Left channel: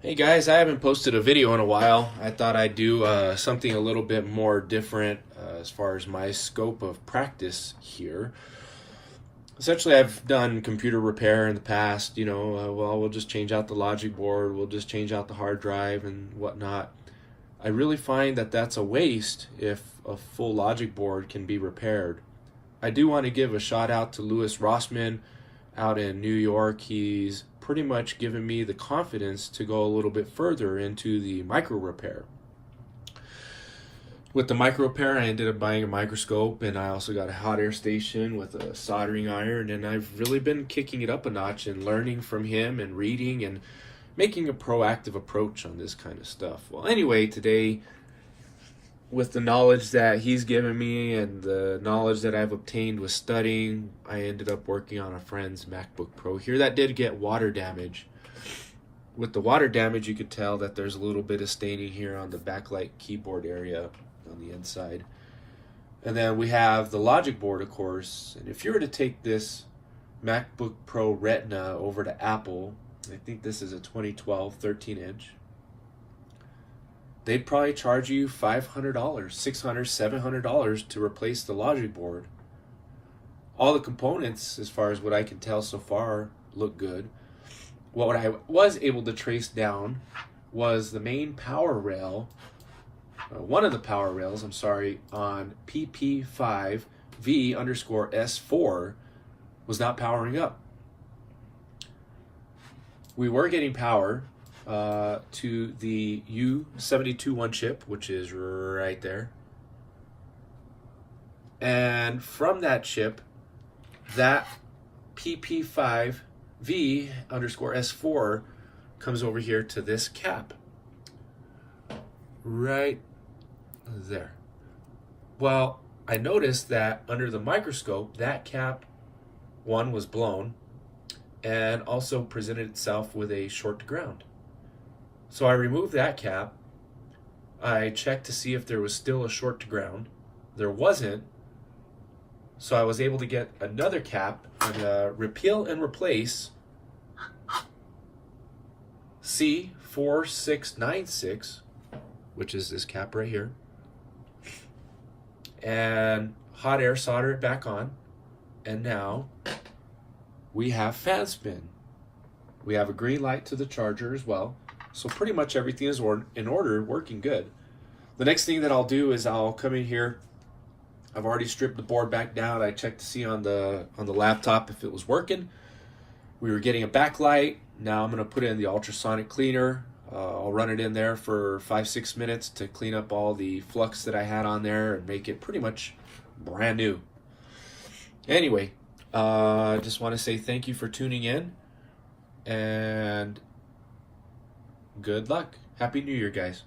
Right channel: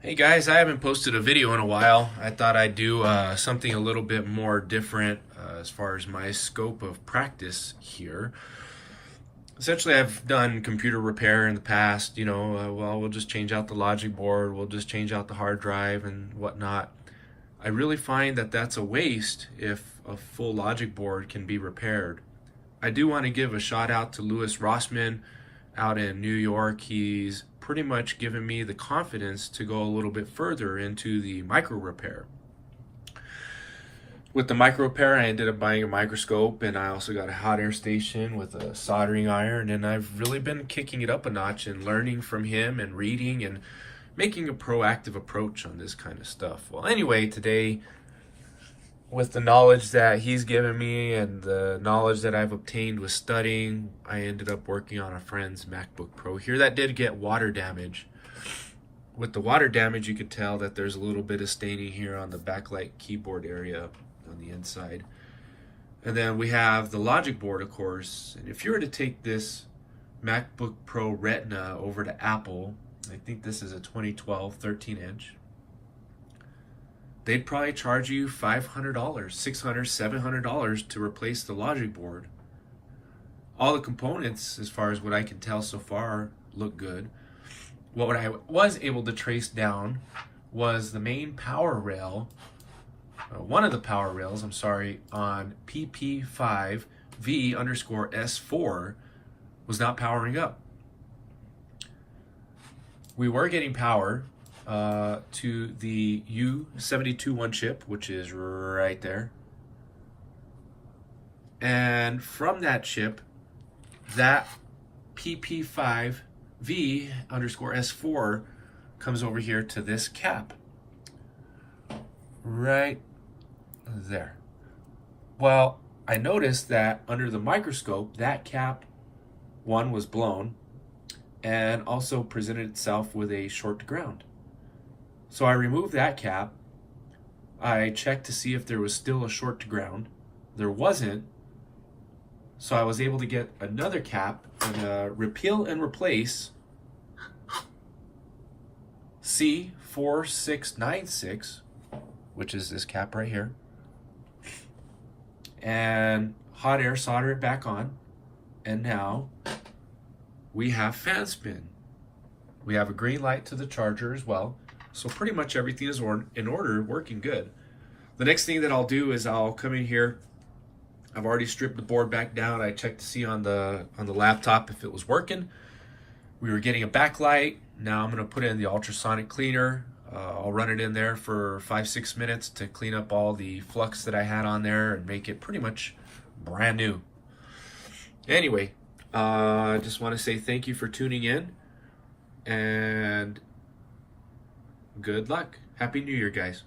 Hey guys, I haven't posted a video in a while. I thought I'd do something a little bit more different as far as my scope of practice here. Essentially, I've done computer repair in the past. We'll just change out the logic board, we'll just change out the hard drive and whatnot. I really find that that's a waste if a full logic board can be repaired. I do want to give a shout out to Louis Rossman out in New York. He's pretty much given me the confidence to go a little bit further into the micro repair. With the micro repair, I ended up buying a microscope, and I also got a hot air station with a soldering iron, and I've really been kicking it up a notch and learning from him and reading and making a proactive approach on this kind of stuff. Well, anyway, today, with the knowledge that he's given me and the knowledge that I've obtained with studying, I ended up working on a friend's MacBook Pro here that did get water damage. With the water damage, you could tell that there's a little bit of staining here on the backlight keyboard area on the inside. And then we have the logic board, of course. And if you were to take this MacBook Pro Retina over to Apple, I think this is a 2012 13-inch, they'd probably charge you $500, $600, $700 to replace the logic board. All the components, as far as what I can tell so far, look good. What I was able to trace down was the main power rail, one of the power rails, on PP5V_S4 was not powering up. We were getting power to the U721 chip, which is right there. And from that chip, that PP5V_S4 comes over here to this cap. Right there. Well, I noticed that under the microscope, that cap, one, was blown and also presented itself with a short to ground. So I removed that cap. I checked to see if there was still a short to ground. There wasn't. So I was able to get another cap and repeal and replace C4696, which is this cap right here, and hot air solder it back on. And now we have fan spin. We have a green light to the charger as well. So pretty much everything is in order, working good. The next thing that I'll do is I'll come in here. I've already stripped the board back down. I checked to see on the laptop if it was working. We were getting a backlight. Now I'm going to put in the ultrasonic cleaner. I'll run it in there for 5-6 minutes to clean up all the flux that I had on there and make it pretty much brand new. Anyway, I just want to say thank you for tuning in, and good luck. Happy New Year, guys.